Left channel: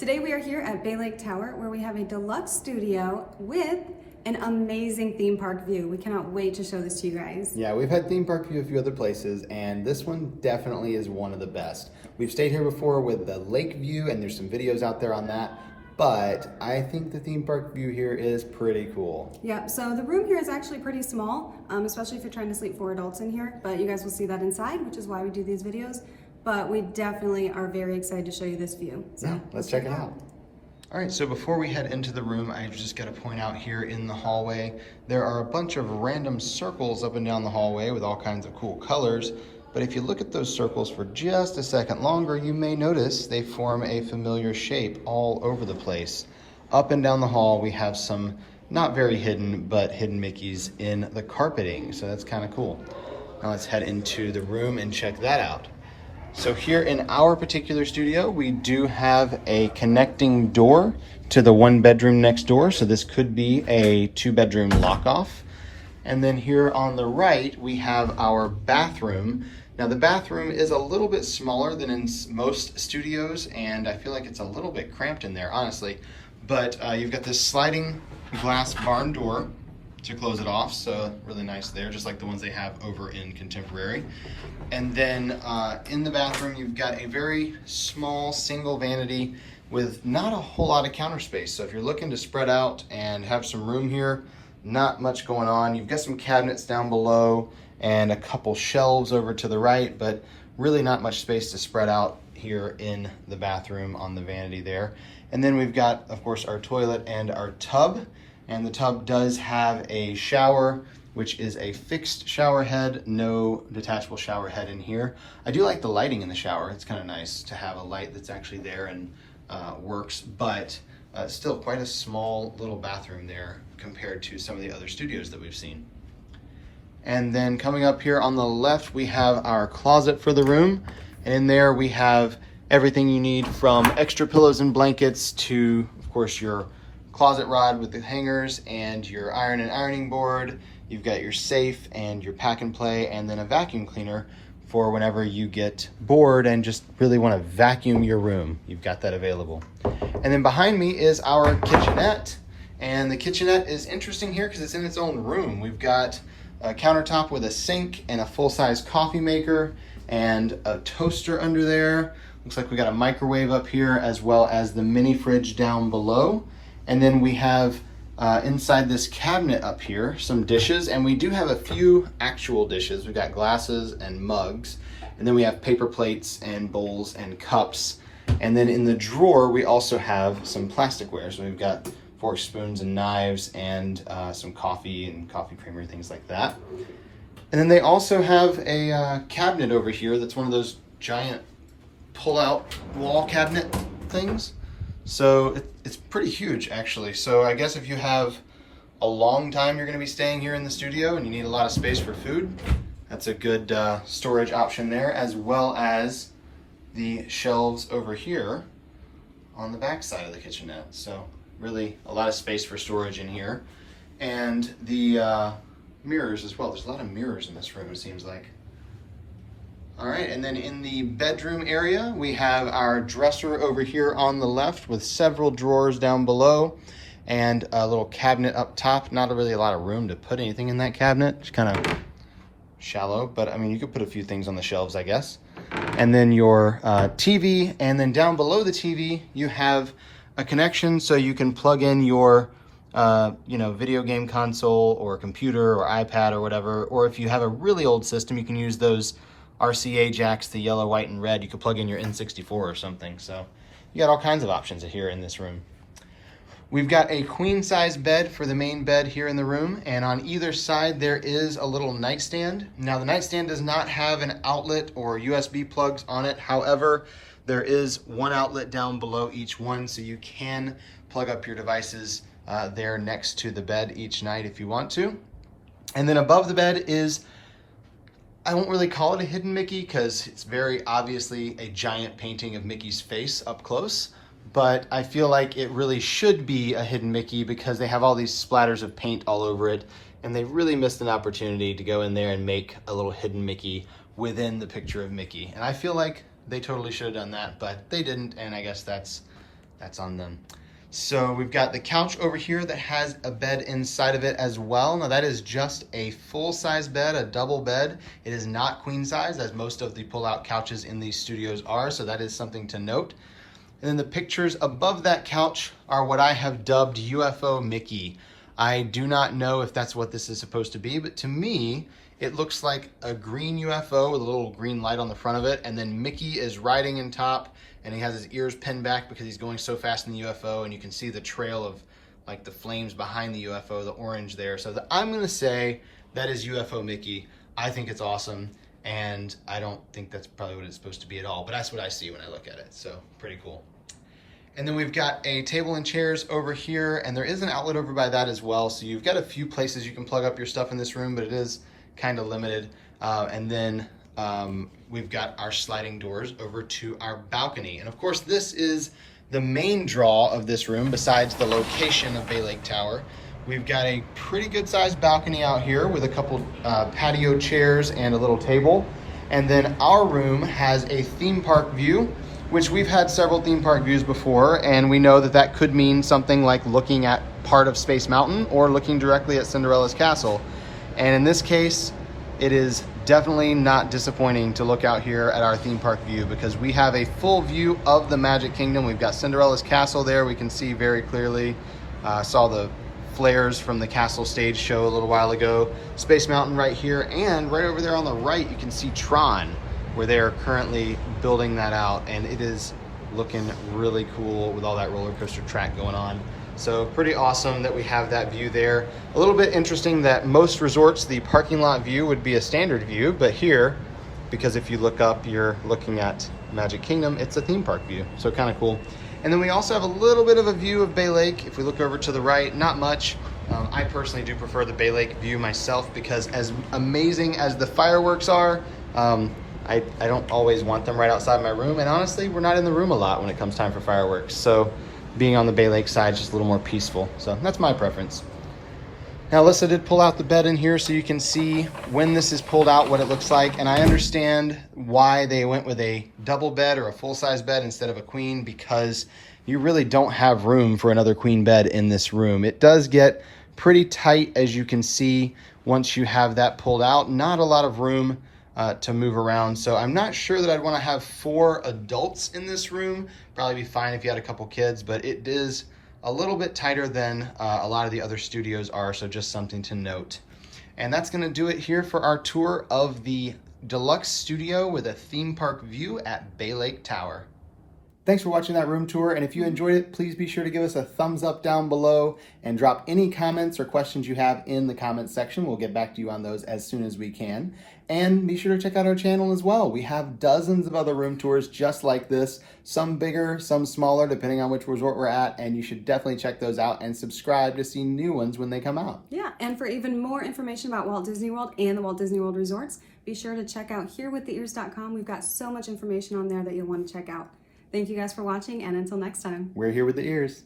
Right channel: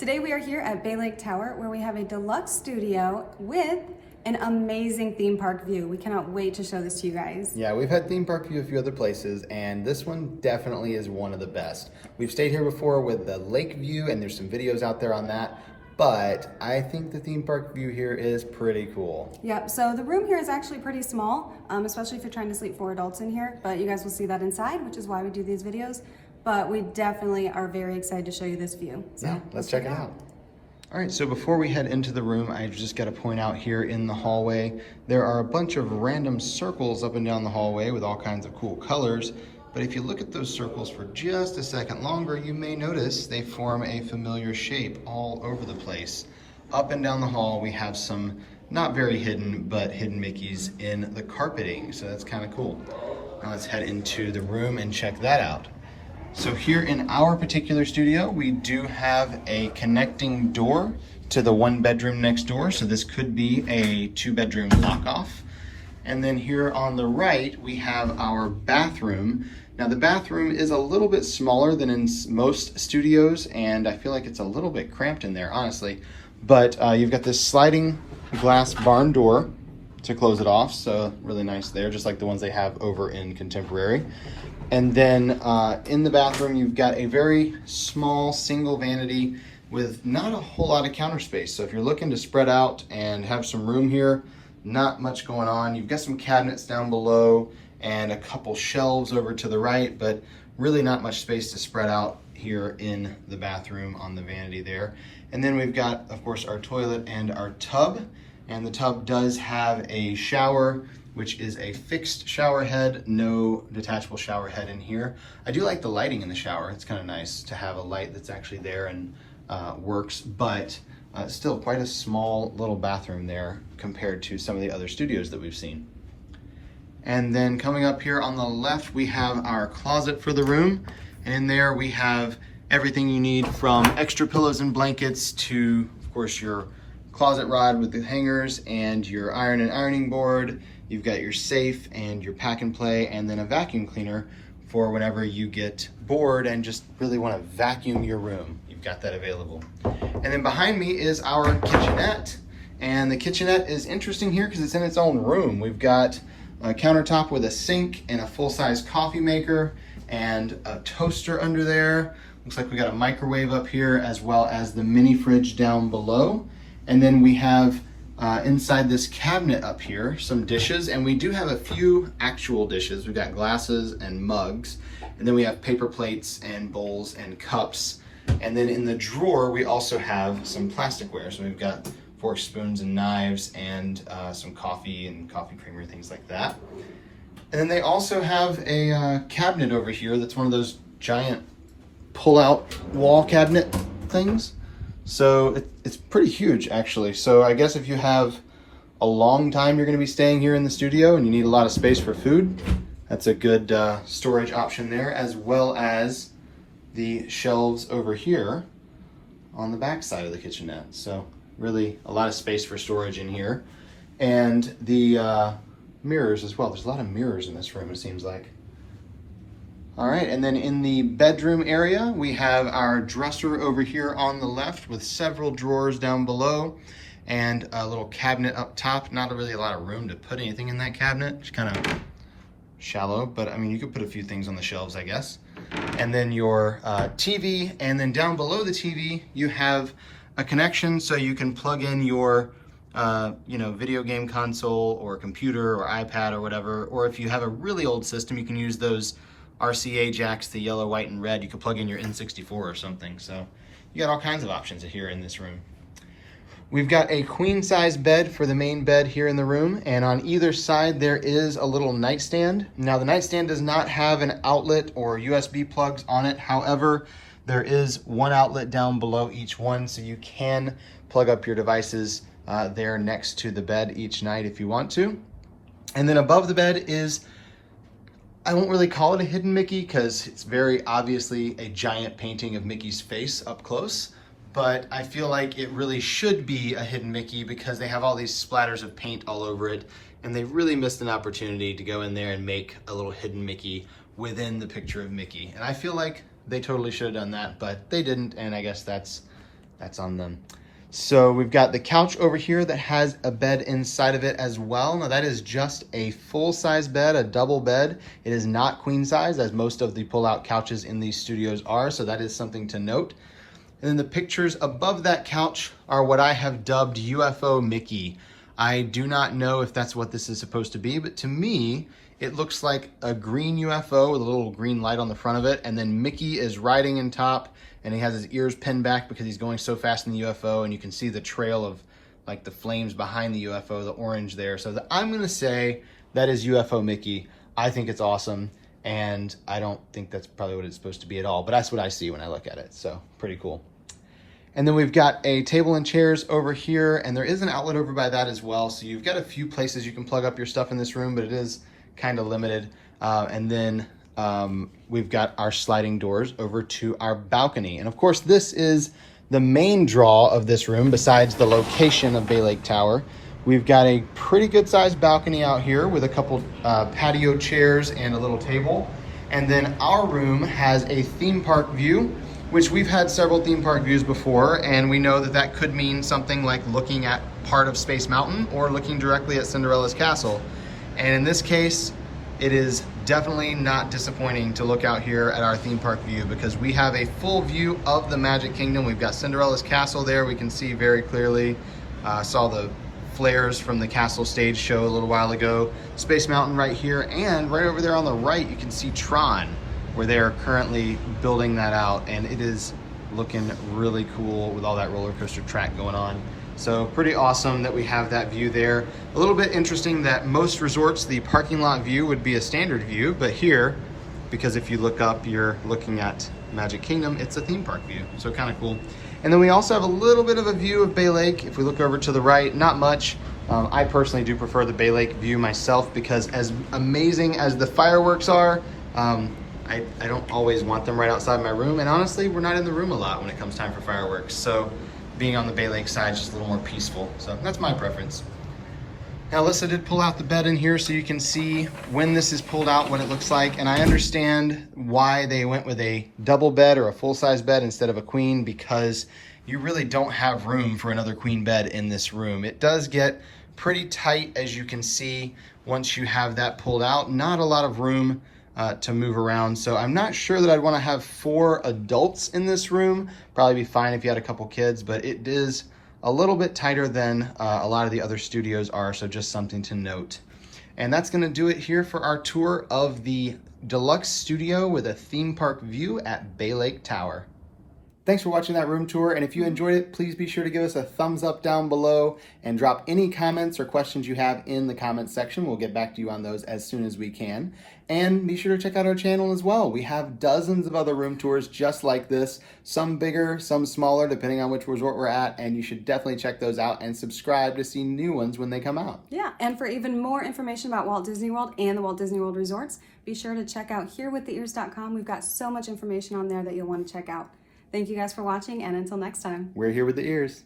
Today we are here at Bay Lake Tower where we have a deluxe studio with an amazing theme park view. We cannot wait to show this to you guys. Yeah, we've had theme park view a few other places, and this one definitely is one of the best. We've stayed here before with the lake view, and there's some videos out there on that, but I think the theme park view here is pretty cool. Yep, so the room here is actually pretty small, especially if you're trying to sleep 4 adults in here, but you guys will see that inside, which is why we do these videos. But we definitely are very excited to show you this view. So yeah, let's check it out. All right, so before we head into the room, I just got to point out here in the hallway, there are a bunch of random circles up and down the hallway with all kinds of cool colors. But if you look at those circles for just a second longer, you may notice they form a familiar shape all over the place. Up and down the hall, we have some not very hidden, but hidden Mickeys in the carpeting. So that's kind of cool. Now let's head into the room and check that out. So here in our particular studio, we do have a connecting door to the 1 bedroom next door. So this could be a 2-bedroom knockoff. And then here on the right, we have our bathroom. Now the bathroom is a little bit smaller than in most studios, and I feel like it's a little bit cramped in there, honestly. But you've got this sliding glass barn door to close it off. So really nice there, just like the ones they have over in Contemporary. And then in the bathroom, you've got a very small single vanity with not a whole lot of counter space. So if you're looking to spread out and have some room here, not much going on. You've got some cabinets down below and a couple shelves over to the right, but really not much space to spread out here in the bathroom on the vanity there. And then we've got, of course, our toilet and our tub. And the tub does have a shower, which is a fixed shower head, no detachable shower head in here. I do like the lighting in the shower. It's kind of nice to have a light that's actually there and works, but still quite a small little bathroom there compared to some of the other studios that we've seen. And then coming up here on the left, we have our closet for the room. And in there we have everything you need from extra pillows and blankets to, of course, your closet rod with the hangers and your iron and ironing board. You've got your safe and your pack and play, and then a vacuum cleaner for whenever you get bored and just really want to vacuum your room. You've got that available. And then behind me is our kitchenette. And the kitchenette is interesting here because it's in its own room. We've got a countertop with a sink and a full-size coffee maker and a toaster under there. Looks like we got a microwave up here as well as the mini fridge down below. And then we have inside this cabinet up here, some dishes, and we do have a few actual dishes. We've got glasses and mugs, and then we have paper plates and bowls and cups. And then in the drawer, we also have some plasticware. So we've got forks, spoons, and knives, and some coffee and coffee creamer, things like that. And then they also have a cabinet over here that's one of those giant pull-out wall cabinet things. So it's pretty huge, actually. So I guess if you have a long time you're going to be staying here in the studio and you need a lot of space for food, that's a good storage option there, as well as the shelves over here on the back side of the kitchenette. So really a lot of space for storage in here. And the mirrors as well. There's a lot of mirrors in this room, it seems like. All right, and then in the bedroom area, we have our dresser over here on the left with several drawers down below and a little cabinet up top. Not really a lot of room to put anything in that cabinet. It's kind of shallow, but I mean, you could put a few things on the shelves, I guess. And then your TV, and then down below the TV, you have a connection so you can plug in your video game console or computer or iPad or whatever. Or if you have a really old system, you can use those RCA jacks, the yellow, white, and red. You could plug in your N64 or something. So you got all kinds of options here in this room. We've got a queen size bed for the main bed here in the room. And on either side, there is a little nightstand. Now the nightstand does not have an outlet or USB plugs on it. However, there is one outlet down below each one. So you can plug up your devices there next to the bed each night if you want to. And then above the bed is, I won't really call it a hidden Mickey because it's very obviously a giant painting of Mickey's face up close, but I feel like it really should be a hidden Mickey because they have all these splatters of paint all over it, and they really missed an opportunity to go in there and make a little hidden Mickey within the picture of Mickey. And I feel like they totally should have done that, but they didn't, and I guess that's That's on them. So we've got the couch over here that has a bed inside of it as well. Now that is just a full-size bed, a double bed. It is not queen size, as most of the pull-out couches in these studios are, so that is something to note. And then the pictures above that couch are what I have dubbed Ufo Mickey. I do not know if that's what this is supposed to be, but to me, it looks like a green UFO with a little green light on the front of it, and then Mickey is riding in top, and he has his ears pinned back because he's going so fast in the UFO, and you can see the trail of like the flames behind the UFO, the orange there. So I'm gonna say that is Ufo Mickey. I think it's awesome, and I don't think that's probably what it's supposed to be at all, but that's what I see when I look at it, so pretty cool. And then we've got a table and chairs over here, and there is an outlet over by that as well, so you've got a few places you can plug up your stuff in this room, but it is kind of limited. And then we've got our sliding doors over to our balcony. And of course, this is the main draw of this room, besides the location of Bay Lake Tower. We've got a pretty good sized balcony out here with a couple patio chairs and a little table. And then our room has a theme park view, which we've had several theme park views before, and we know that that could mean something like looking at part of Space Mountain or looking directly at Cinderella's castle. And in this case, it is definitely not disappointing to look out here at our theme park view, because we have a full view of the Magic Kingdom. We've got Cinderella's castle there, we can see very clearly. Saw the flares from the castle stage show a little while ago. Space Mountain right here, and right over there on the right, you can see Tron, where they are currently building that out, and it is looking really cool with all that roller coaster track going on. So pretty awesome that we have that view there. A little bit interesting that most resorts, the parking lot view would be a standard view, but here, because if you look up, you're looking at Magic Kingdom, it's a theme park view, so kind of cool. And then we also have a little bit of a view of Bay Lake. If we look over to the right, not much. I personally do prefer the Bay Lake view myself, because as amazing as the fireworks are, I don't always want them right outside my room, and honestly, we're not in the room a lot when it comes time for fireworks, so being on the Bay Lake side is just a little more peaceful. So that's my preference. Now, Alyssa did pull out the bed in here so you can see when this is pulled out what it looks like, and I understand why they went with a double bed or a full-size bed instead of a queen, because you really don't have room for another queen bed in this room. It does get pretty tight, as you can see, once you have that pulled out. Not a lot of room to move around. So I'm not sure that I'd want to have 4 adults in this room. Probably be fine if you had a couple kids, but it is a little bit tighter than a lot of the other studios are, so just something to note. And that's going to do it here for our tour of the Deluxe Studio with a theme park view at Bay Lake Tower. Thanks for watching that room tour, and if you enjoyed it, please be sure to give us a thumbs up down below and drop any comments or questions you have in the comments section. We'll get back to you on those as soon as we can. And be sure to check out our channel as well. We have dozens of other room tours just like this, some bigger, some smaller, depending on which resort we're at, and you should definitely check those out and subscribe to see new ones when they come out. Yeah, and for even more information about Walt Disney World and the Walt Disney World resorts, be sure to check out herewiththeears.com. We've got so much information on there that you'll want to check out. Thank you guys for watching, and until next time. We're here with the ears.